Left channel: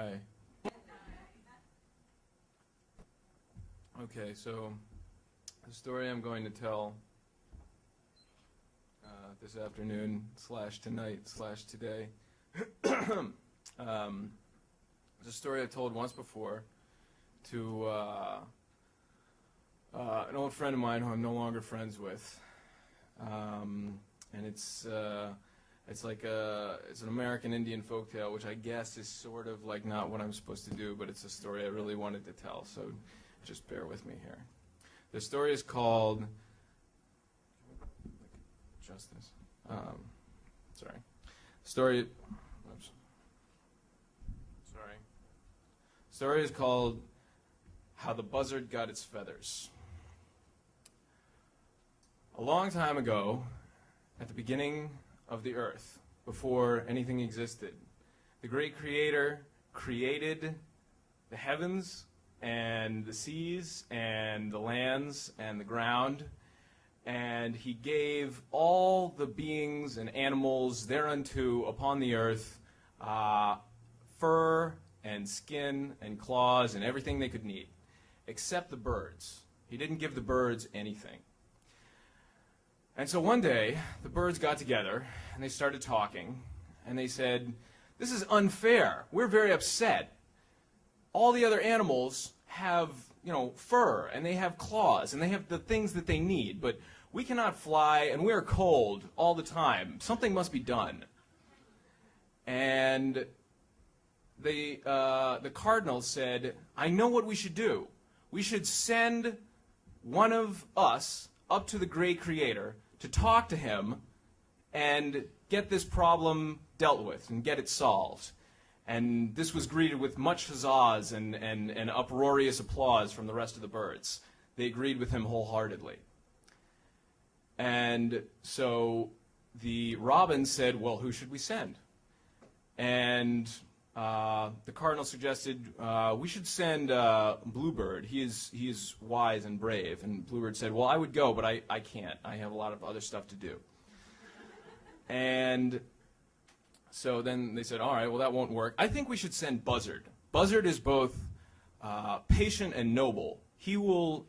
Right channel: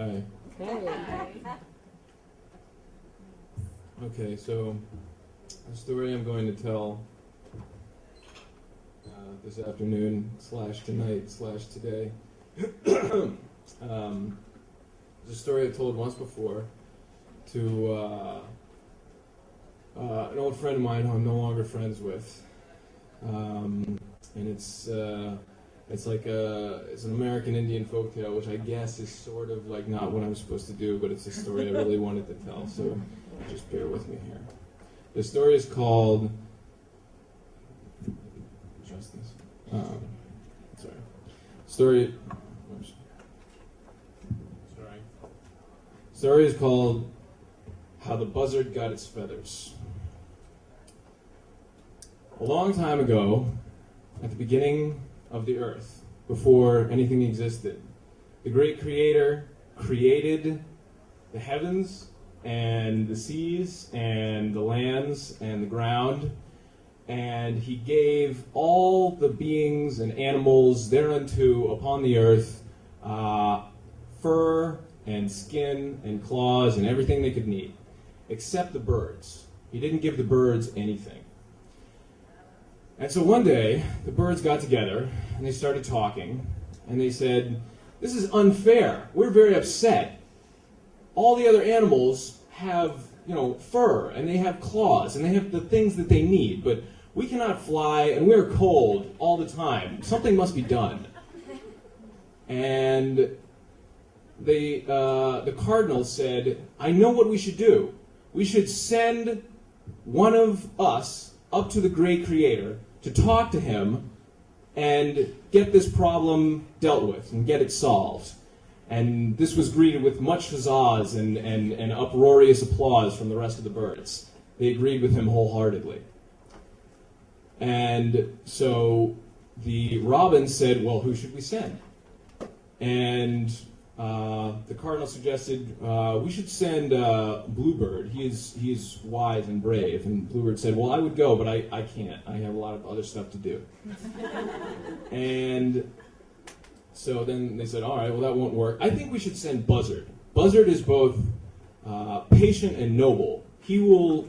Hi. Hey. Okay, so the story I'm going to tell this afternoon / tonight / today is a story I told once before to an old friend of mine who I'm no longer friends with, and it's like it's an American Indian folktale, which I guess is sort of like not what I'm supposed to do, but it's a story I really wanted to tell, so just bear with me here. The story is called, Story is called How the Buzzard Got Its Feathers. A long time ago, at the beginning of the earth, before anything existed, the great creator created the heavens and the seas and the lands and the ground, and he gave all the beings and animals thereunto upon the earth fur and skin and claws and everything they could need, except the birds. He didn't give the birds anything. And so one day, the birds got together, and they started talking, and they said, "This is unfair. We're very upset. All the other animals have, fur, and they have claws, and they have the things that they need, but we cannot fly, and we're cold all the time. Something must be done." And the cardinal said, "I know what we should do. We should send one of us up to the great creator to talk to him and get this problem dealt with and get it solved." And this was greeted with much huzzas and uproarious applause from the rest of the birds. They agreed with him wholeheartedly. And so the robins said, "Well, who should we send?" And the cardinal suggested we should send Bluebird. He's wise and brave. And Bluebird said, "Well, I would go, but I can't. I have a lot of other stuff to do." And so then they said, "All right, well, that won't work. I think we should send Buzzard. Buzzard is both patient and noble. He will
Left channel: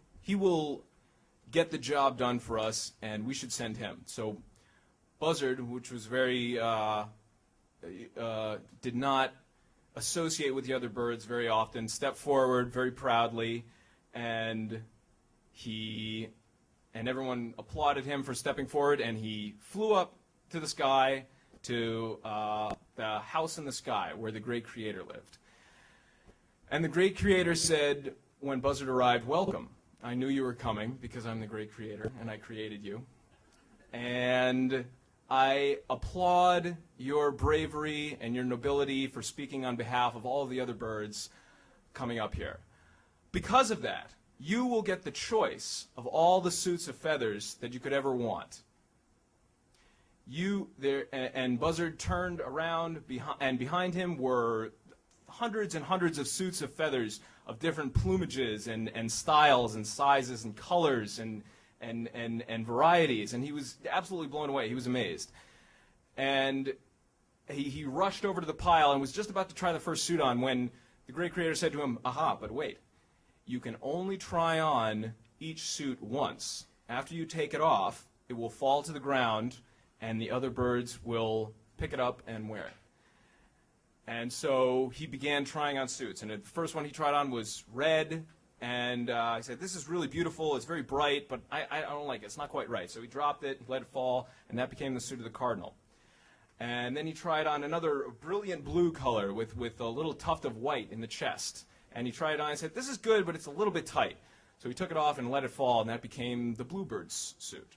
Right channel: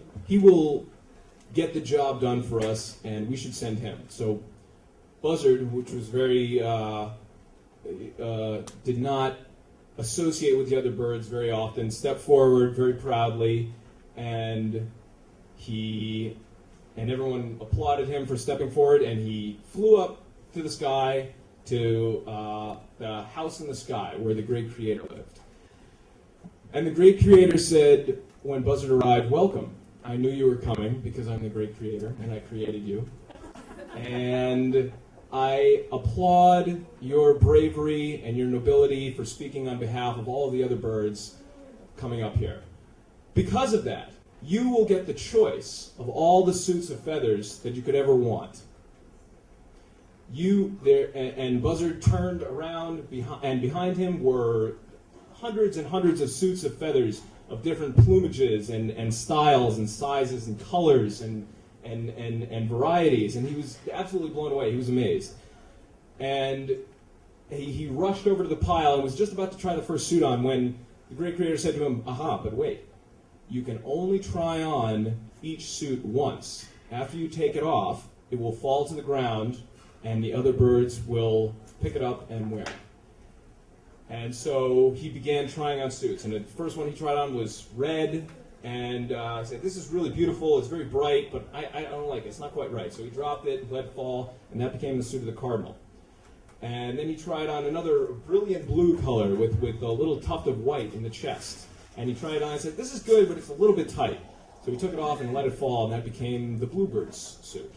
get the job done for us, and we should send him." So Buzzard, which was very did not associate with the other birds very often, stepped forward very proudly, and everyone applauded him for stepping forward, and he flew up to the sky to the house in the sky where the great creator lived. And the great creator said, when Buzzard arrived, "Welcome. I knew you were coming because I'm the great creator and I created you. And I applaud your bravery and your nobility for speaking on behalf of all the other birds coming up here. Because of that, you will get the choice of all the suits of feathers that you could ever want." And Buzzard turned around, and behind him were hundreds and hundreds of suits of feathers of different plumages and styles and sizes and colors and varieties, and he was absolutely blown away. He was amazed. And he rushed over to the pile and was just about to try the first suit on when the great creator said to him, "Aha, but wait. You can only try on each suit once. After you take it off, it will fall to the ground, and the other birds will pick it up and wear it." And so he began trying on suits, and the first one he tried on was red, and I said, "This is really beautiful, it's very bright, but I don't like it, it's not quite right." So he dropped it, let it fall, and that became the suit of the cardinal. And then he tried on another brilliant blue color with a little tuft of white in the chest. And he tried it on and said, "This is good, but it's a little bit tight." So he took it off and let it fall, and that became the Bluebird's suit.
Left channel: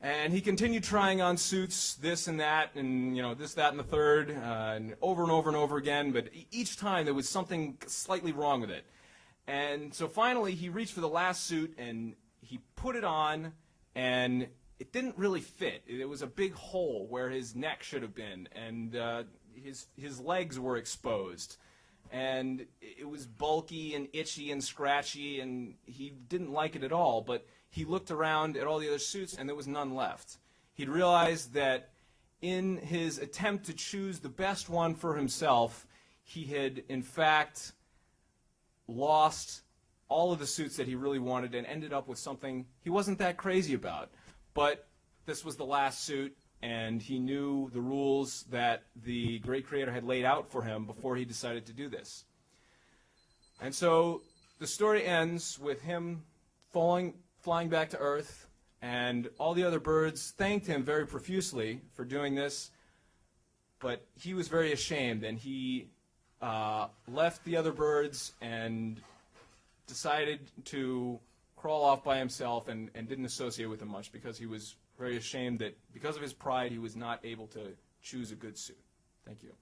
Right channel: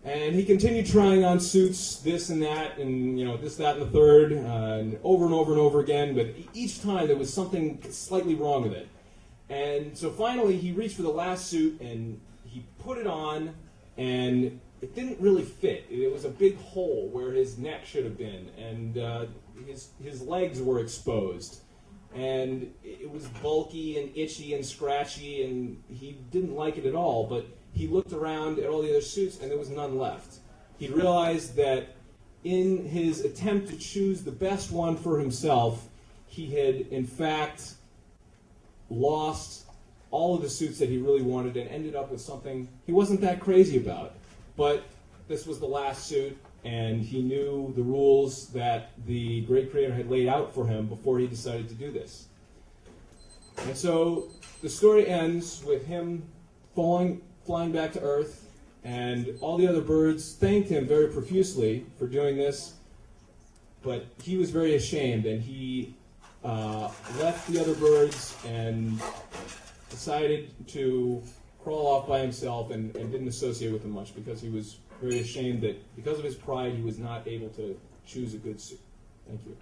And he continued trying on suits, this and that, and this, that, and the third, and over and over again, but each time there was something slightly wrong with it. And so finally he reached for the last suit, and he put it on, and it didn't really fit. It was a big hole where his neck should have been, and his legs were exposed. And it was bulky and itchy and scratchy, and he didn't like it at all, but he looked around at all the other suits, and there was none left. He realized that in his attempt to choose the best one for himself, he he had, in fact, lost all of the suits that he really wanted and ended up with something he wasn't that crazy about. But this was the last suit, and he knew the rules that the great creator had laid out for him before he decided to do this. And so the story ends with him flying back to Earth, and all the other birds thanked him very profusely for doing this, but he was very ashamed, and he left the other birds and decided to crawl off by himself and didn't associate with them much because he was very ashamed that because of his pride he was not able to choose a good suit. Thank you.